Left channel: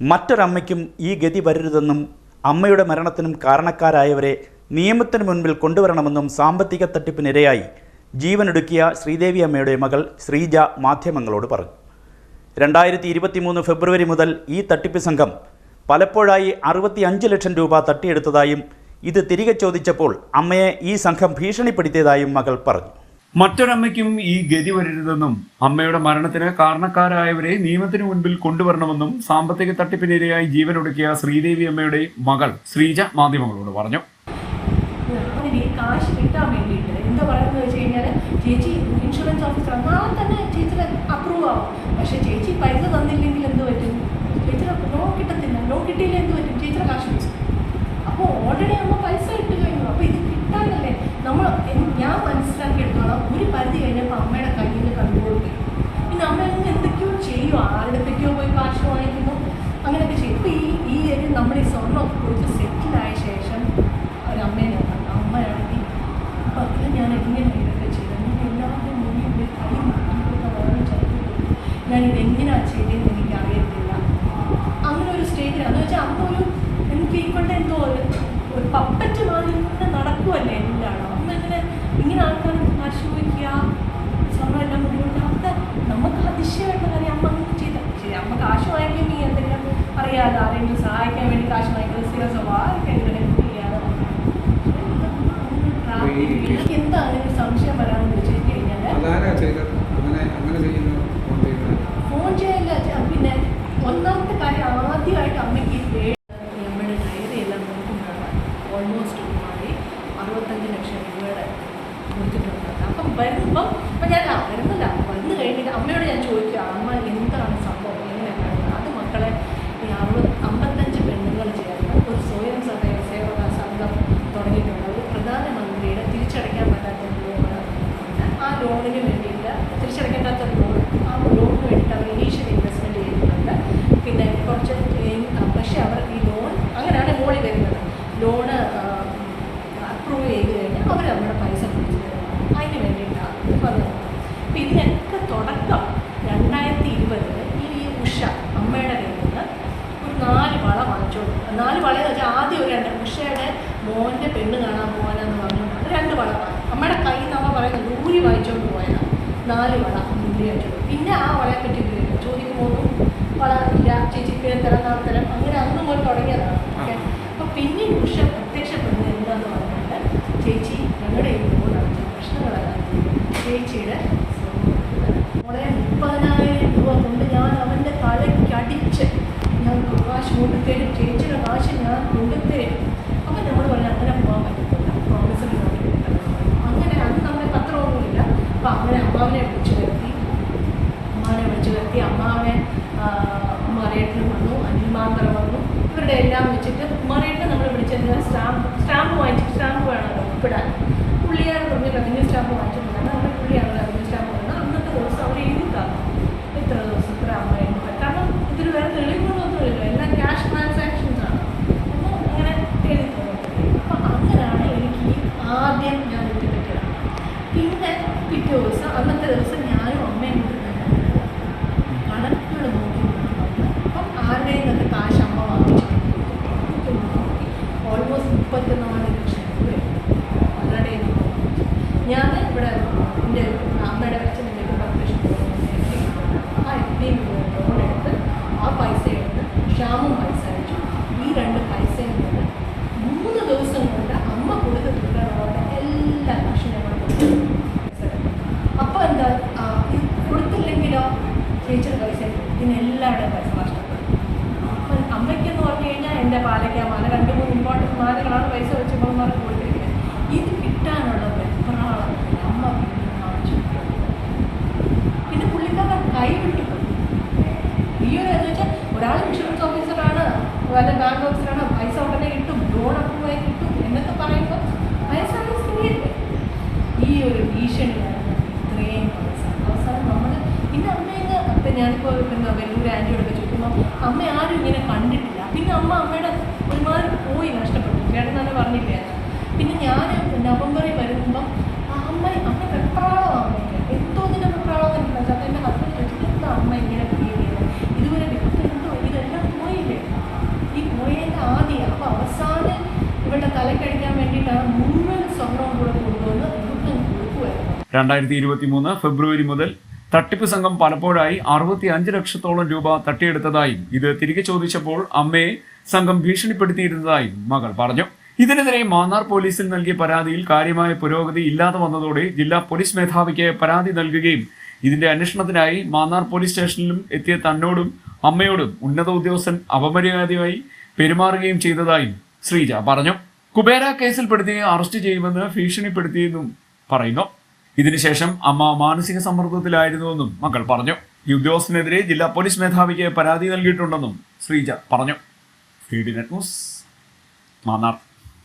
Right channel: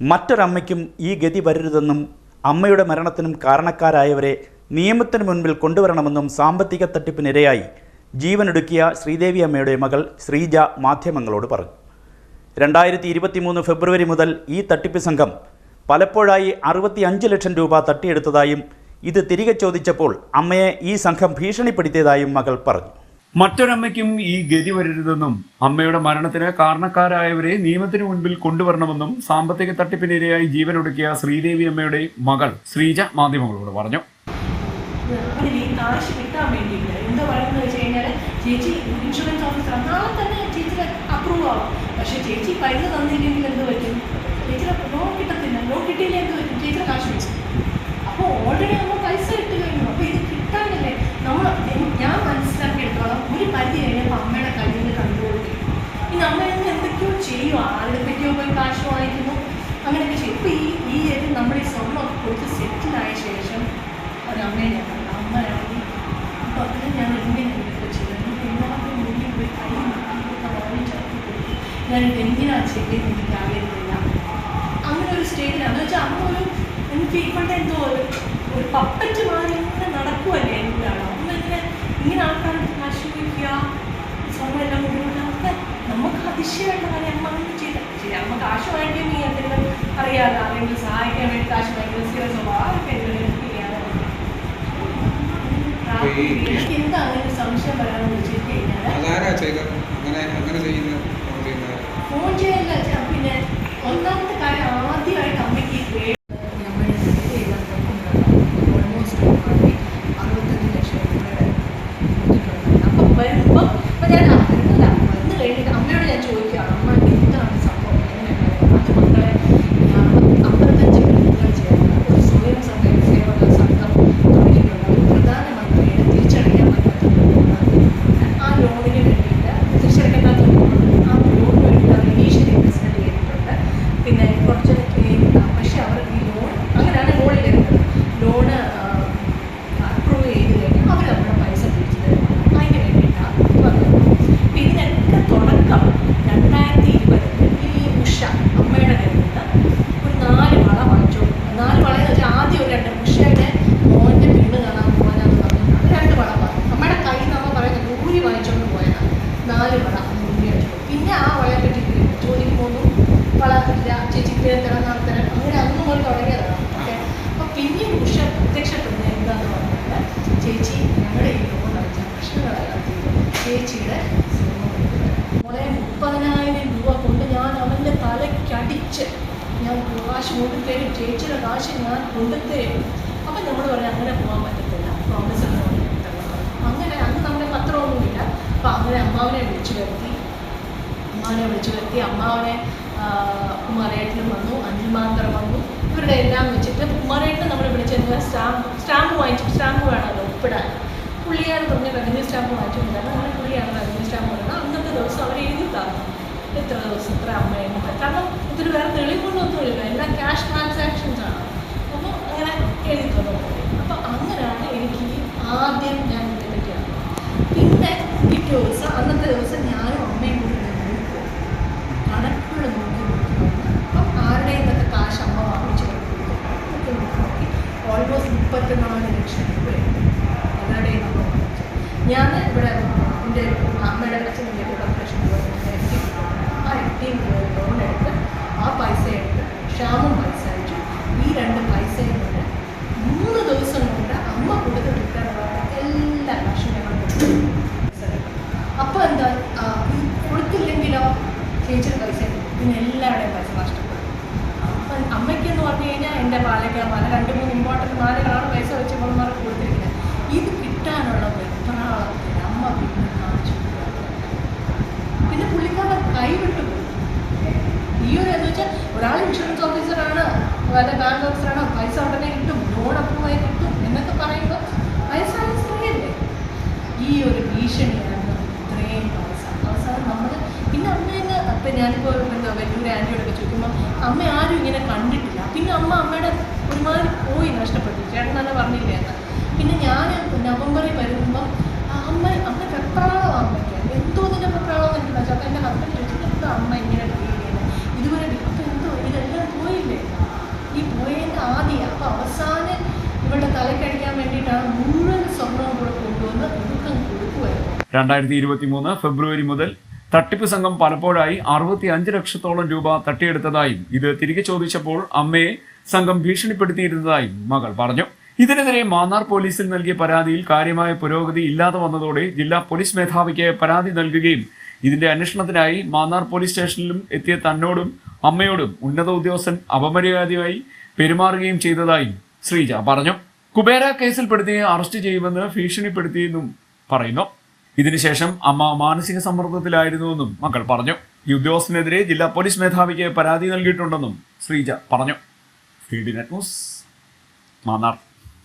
മറ്റൊരമ്മയ്ക്കും ഈ ഗതി വരരുതെന്നും അമ്മയുടെ മരണത്തിനും കാരണക്കാരായവരെ നിയമത്തിന് മുൻപിൽ കൊണ്ടുവരണമെന്നും സാമ്പത്തിക തട്ടിപ്പിനിരയായി ജീവനൊടുക്കിയ ശ്രീദേവി അമ്മയുടെ മകൾ ശ്രീജ മാധ്യമങ്ങളോട് പറഞ്ഞു. രണ്ടായിരത്തി ഇരുപത്തിമൂന്ന് ഫെബ്രുവരി മുതൽ ഈ തട്ടിപ്പ് സംഘം പലപ്പോഴായി അറുപത്തി അഞ്ച് ലക്ഷം രൂപ തട്ടിയെടുത്തതായും ഇത് തിരികെ ചോദിച്ചപ്പോൾ അമ്മയെ ഈ സംഘം ഭീഷണിപ്പെടുത്തിയതായും മകൾ പറഞ്ഞു. മറ്റൊരമ്മയ്ക്കും ഈ ഗതി വരരുതെന്നും അമ്മയുടെ മരണത്തിന് കാരണക്കാരായവരെ നിയമത്തിന് മുൻപിൽ കൊണ്ടുവരണമെന്നും സാമ്പത്തിക തട്ടിപ്പിനിരയായി ജീവനൊടുക്കിയ ശ്രീദേവി അമ്മയുടെ മകൾ ശ്രീജ മാധ്യമങ്ങളോട് പറഞ്ഞു. ചേച്ചി ചേച്ചി പൈസ അപ്പോൾ ഓൾറെഡി നമ്മൾ പൈസ ഇട്ട് കഴിഞ്ഞു. അപ്പോൾ ഇത് കിട്ടാനല്ലേ? നമ്മൾ ഞാൻ മനസ്സിലാക്കിയെടുത്തോളം ഒരു പരിധി കഴിഞ്ഞപ്പോൾ അമ്മയുടെ കയ്യിൽ കൺട്രോൾ ചെയ്യും ഇനി അമ്മ ഇന്ന് എന്തൊക്കെയോ ചെയ്യും ആരുടെയൊക്കെയോ പോയി കാശ് വാങ്ങിക്കുന്നു അങ്ങനെയൊക്കെ ചെയ്യും. ഇപ്പോൾ ഈ ഈ ഒരു നമ്മൾ ഈ സ്വർണം കൊടുത്ത് സെറ്റിലായ ശേഷം ഒരമ്മയെ ഞാൻ കണ്ടു. അമ്മയാണെങ്കിൽ അപ്പോൾ അതിന് ഞാൻ എങ്ങനെ ഇതൊക്കെ ചെയ്തു എല്ലാവരും മുന്നിൽ പോയി കൈ നാട്ടിലൊക്കെ വാങ്ങിച്ചെടുത്ത് പോയി. ഇത് എന്തിനാണ് ചെയ്തതെന്ന് എനിക്ക് അറിയത്തില്ല. അങ്ങനെ ഒരു സ്റ്റേജിലാണ് എന്ന് വെച്ചാൽ അമ്മ ഒരു എനിക്ക് ഇപ്പോഴത്തെ എന്തോ ഒരു ഒരു പപ്പറ്റ് മാതിരി ഇങ്ങനെ നടക്കുമല്ലേ എല്ലാവരും. അമ്മ ഇങ്ങനെ ഇങ്ങനെ ആൾക്കാർ കാശ് വയ്ക്കുക സ്വർണം എല്ലാം അതൊക്കെ നമുക്ക് അതിശയമായിട്ട് കാര്യം അമ്മ അങ്ങനെ ചെയ്ത. ശരി അമ്മ കാശ് വാങ്ങിക്കാൻ നീ എന്തെങ്കിലും അറിയാതെ ആരെങ്കിലും സഹായിക്കാൻ വേണ്ടി കാശ് വാങ്ങിക്കുന്നത് സ്ഥിര സ്വഭാവമൊക്കെ എന്തെങ്കിലും ചെയ്യാതെ എനിക്ക് എന്താ അങ്ങനെ സംശയം വരാമെന്ന് വെച്ച് കഴിഞ്ഞാൽ അതാരാ ചെയ്തത് അങ്ങനെ അങ്ങനെ ചെയ്യുന്ന ഫോൺ ചെയ്യുന്നത് ഫോൺ ചെയ്യല്ല ചെ- പിന്നെ ഒന്നാമത്തെ കാര്യം ആദ്യമായിട്ട് അമ്മയ്ക്ക് ഈ പേ- നമ്മുടെ ഡയറിയെല്ലാം നോക്കുമ്പോഴാണ് ഓൾമോസ്റ്റ് മാറി അറുപത്തഞ്ച് ലക്ഷം രൂപയുടെ കൊടുത്തിട്ടുണ്ട് അപ്പം വരുമ്പം അപ്പം ഞാൻ ആ വരുന്നില്ല വന്നു കഴിഞ്ഞിട്ട് അമ്മയോട് ഞാൻ ചോദിക്കുക അമ്മ എന്താണ് സംഭവം എങ്ങനെ കാര്യം അത് മക്കളെ ഈ അറുപത് അമ്പത്തഞ്ച് പെണ്ണുങ്ങൾ ചേർന്ന് ഒരു സ്വയം സഹായ സേവന സംഘം തുടങ്ങിയിട്ടുണ്ട് ഒരു പ്രധാനമന്ത്രിയുടെ തിരിച്ചടയ്ക്കാൻ പറ്റാത്ത ലോണ് ആ ലോണിന് വേണ്ടിയിട്ട് തിരിച്ചടയ്ക്കാൻ പറ്റാത്ത ലോൺ ആ ലോണിന് വേണ്ടിയിട്ട് അവർ ഇനീഷ്യൽ ഇൻവെസ്റ്റ്മെന്റ് ചെയ്തിട്ടുണ്ട് പിന്നെ കുറച്ച് ഈ- ആ, പക്ഷേ അവർ ഈ ലോൺ അങ്ങനെയാണ് മോളിൽ വരുന്നത് ലോണ് അപ്രൂവ് ചെയ്ത് കഴിഞ്ഞാൽ അവർ നമ്മുടെ പൈസ തിരിച്ചു തരും അതിന് വേണ്ടിയിട്ടാണ് പറയുന്നത് അപ്പോൾ ഇതിനൊക്കെ തുടക്കം രണ്ടായിരത്തി ഇരുപതിൽ ഈ ഉഷ അമ്മയുടെ കയ്യിൽ നിന്ന് ഒരു നാല് വള വാങ്ങിച്ചു. നാല് വളയെന്ന് വെച്ചാൽ ആദ്യം ഒരു രണ്ട് ഉഷയുടെ മോന്റെ പെണ്ണ് കാണാൻ പോകാനാന്ന് പറഞ്ഞു. അത് രണ്ട് വള വാങ്ങി അമ്മയുടെ കയ്യിൽ നിന്ന് അമ്മ പറയുന്നത് നൂലി വാങ്ങിച്ചുകൊണ്ട് പോയതാണ് നാല് വള വാങ്ങിച്ചു പിന്നെ ആ വളയെ പറ്റി ചോദിക്കും പോകുന്നു. വള ഇല്ല ചേച്ചിക്ക് തരം നടത്തരം തരാം. അങ്ങനെ അന്ന് മുതൽ തുടങ്ങിയതാണ് ഓക്കെ. അപ്പോൾ പിന്നെയും ഉഷ പ്രത്യക്ഷപ്പെടുന്നത് എന്താണെന്ന് പറഞ്ഞാൽ ചേച്ചി ഞങ്ങളുടെ ഈ ലോൺ അടച്ച. ചേച്ചിയുടെ മോളെ മുപ്പതിനായിരം രൂപ കൊണ്ട് ഞാൻ അവന്റെ തലയ്ക്ക് അടിച്ച് ഞാൻ കാശ് കൊണ്ടുത്തരും ചേച്ചിയുടെ കാശ് ഞാൻ കൊണ്ടുത്തരും അപ്പം നമ്മൾ പറഞ്ഞു അങ്ങനെ പോകാൻ പറ്റത്തില്ല. പ്രോമിസ് എന്ന് പറഞ്ഞു അങ്ങനെ അന്ന് നമ്മുടെ പത്രമൊന്നുമില്ല. അപ്പം അങ്ങനെ അമ്മാവനെ വിളിച്ചു വരുത്തി. അമ്മാവനെ വിളിച്ചു വരുത്തി. അമ്മാവനെ കുമാരേട്ടനും വന്നു അനിൽമാന്തരം വന്നു. ഇവരുടെ എല്ലാം വെച്ചിട്ട് കുമാരേട്ടനെ നമ്മൾ വിളിച്ചെന്ന് സ്റ്റാമ്പ് സ്റ്റാമ്പ് വാങ്ങിച്ചു സ്റ്റാമ്പ് വേണമല്ലോ ഒപ്പിടാൻ പുള്ളിയാണ് പറഞ്ഞ റവന്യൂ സ്റ്റാമ്പ് വാങ്ങിച്ചിട്ടുണ്ടായിരുന്നു അങ്ങനെ പുള്ളിയാണ് റവന്യൂ സ്റ്റാമ്പ് പറയുന്നത് അന്നത്തെ ദിവസം അവർ എഴുതി തന്നു. എത്ര ദിവസം ഇത്ര അമ്മയുണ്ട് കാരണം ഇതിന് വേറെ തെളിവുകൊണ്ടൊന്നുമില്ല എല്ലാം ക്യാഷ് ട്രാൻസാക്ഷൻസ് ആണ്. അപ്പോൾ അങ്ങനെ എഴുതി തന്നു. അപ്പോൾ അങ്ങനെയാണ് എനിക്ക് ആദ്യം ഞാൻ അറിഞ്ഞത്. പിന്നെ പിറ്റേ ദിവസം അന്നത്തെ ദിവസം ഞാനും അമ്മയും കൂടി കണക്കുകൾ നോക്കി അപ്പം ആരുടെ ഇന്നത്തെ കാശ് അമ്മ വാങ്ങിച്ചു ഓൾമോസ്റ്റ് മുപ്പത്തിനാല് ലക്ഷം രൂപയുണ്ട് പലരുടെ നമ്മൾ ഞാൻ ഇവിടെ എന്റെ അമ്മയുടെ അച്ഛന്റെ കോർപ്പറേഷൻ എഫ് ഡി ആ എഫ് ഡി ലോൺ എടുത്ത് ആ പൈസ എടുത്ത് ക്ഷാമം അയച്ചു ഈ രണ്ട് പൈസയും കൊണ്ട് മൂന്ന് ദിവസം കൊണ്ട് അമ്മ കൊടുത്ത് കിട്ടാനുള്ള എല്ലാ കാശും ഞങ്ങൾ അപ്പോൾ എന്താ കൊടുത്തില്ലെങ്കിലോ ചേച്ചിയുടെ പൈസ പിന്നെ എല്ലാവരുടെയും പൈസ നഷ്ടപ്പെടും. അപ്പം അമ്മയ്ക്കെന്ന് പറഞ്ഞു കഴിഞ്ഞാൽ എന്റെ പാലയ്ക്ക മാല രണ്ട് മൂന്ന് ഇമ്പോർട്ടന്റ് മാലകളാണ് പൈസ വെച്ച് കൊടുത്തിരിക്കുന്നത്. ഇത് കിട്ടാനുള്ള വെപ്രാളത്തിൽ അമ്മ പിന്നെ കാണിച്ചു പിന്നെ പുള്ളിക്കാരൻ കൈവിട്ടു പോയി. ഈ ഒരു എന്ന് വെച്ചാൽ ഒരാൾ ഇൻഷുറൻസ് ഓഫീസറാണ് അതായത് ബാങ്ക് ഓഫീസറാണ് പൈസ ഉടനെ കിട്ടും ലോൺ അപ്രൂവ് ആയി കിട്ടും എന്നൊക്കെ പറയുമ്പോൾ വയസ്സായ സ്ത്രീയല്ലേ ഈ ഒരു ഭീഷണിയാണ് ഇത്രയും പൈസ അവസാനം നമ്മൾ പിന്നെ അമ്മ ഇന്ന് ഇപ്പം ഞാനിപ്പോൾ ആന്റി ആന്റിയോടൊക്കെ ചോദിക്കുമ്പോൾ അമ്മ ആരും ഇങ്ങനെ കണ്ടിട്ടില്ല. പിന്നെ അമ്മ അമ്മയുടെ ഒരുമാതിരി പോയി നഷ്ടപ്പെട്ടു. ചേട്ടൻ തന്നെ പറഞ്ഞില്ലേ എന്ന് പിന്നെ ഞാൻ നവംബറിൽ വരുമ്പം അമ്മ അമ്മ വെപ്രാളം അമ്മയ്ക്ക്? എന്തോ നിന്റെ വെപ്രാളം എനിക്ക് മനസ്സിലാക്കാം എന്റെ ഹസ്ബൻഡ് ചോദിച്ചിട്ട് എന്താ അമ്മ ഇങ്ങനെ ബിഹേവ് ചെയ്യുന്നത് ഇതുവരെ അപ്പം എന്തോ ഇതെല്ലാം പോയില്ലേ? ഈ പോയതിന്റെ ആദ്യം അപ്പം അവസാനം ഇവളുടെ തലക്കടിക്കാൻ വേണ്ടിയിട്ടാണ് മുഴുവൻ സ്വർണവും കൂടെ കൊണ്ടുവന്ന് ദുഃഖം കൊടുക്കുമായിരുന്നു രണ്ടായിരത്തി ഇരുപത്തി മൂന്ന് ഫെബ്രുവരി മുതൽ തട്ടിപ്പ് സംഘം പലപ്പോഴായി അറുപത്തി അഞ്ച് ലക്ഷത്തോളം രൂപ തട്ടിയെടുത്തതായും ഇത് തിരികെ ചോദിച്ചപ്പോൾ അമ്മയെ സംഘം ഭീഷണിപ്പെടുത്തിയിരുന്നതായും മകൾ പറഞ്ഞു. ഇതിനെതിരെ മാന്നാർ പോലീസിൽ നൽകിയ പരാതിയിൽ കാര്യമായ പുരോഗതി ഇല്ലാതെ വന്നതോടെ ജില്ലാ പോലീസ് മേധാവിക്ക് പരാതി നൽകുകയും ഇതിന്റെ അന്വേഷണത്തിനായി മാന്നാർ പോലീസ് സ്റ്റേഷനിലും എത്തിയ തന്നോടും അമ്മയോടും ഉന്നത ഉദ്യോഗസ്ഥൻ അപമര്യാദയായി പെരുമാറുകയും ചെയ്തതായും ശ്രീജ പറഞ്ഞു. കുബേര കേസിൽപ്പെടുത്തി അറസ്റ്റ് ചെയ്യുമെന്ന് ഭീഷണിപ്പെടുത്തിയെന്നും പറയുന്നു. ഇതിനുശേഷം അമ്മ മാനസിക സമ്മർദ്ദത്തിലായിരുന്നുവെന്നും മക്കൾ പറഞ്ഞു. ഈ ഉദ്യോഗസ്ഥനെതിരെ ജില്ലാ പോലീസ് മേധാവിക്ക് പരാതി നൽകിയിട്ടുണ്ടെന്നും ശ്രീജ പറഞ്ഞു. Feednet news Mannar.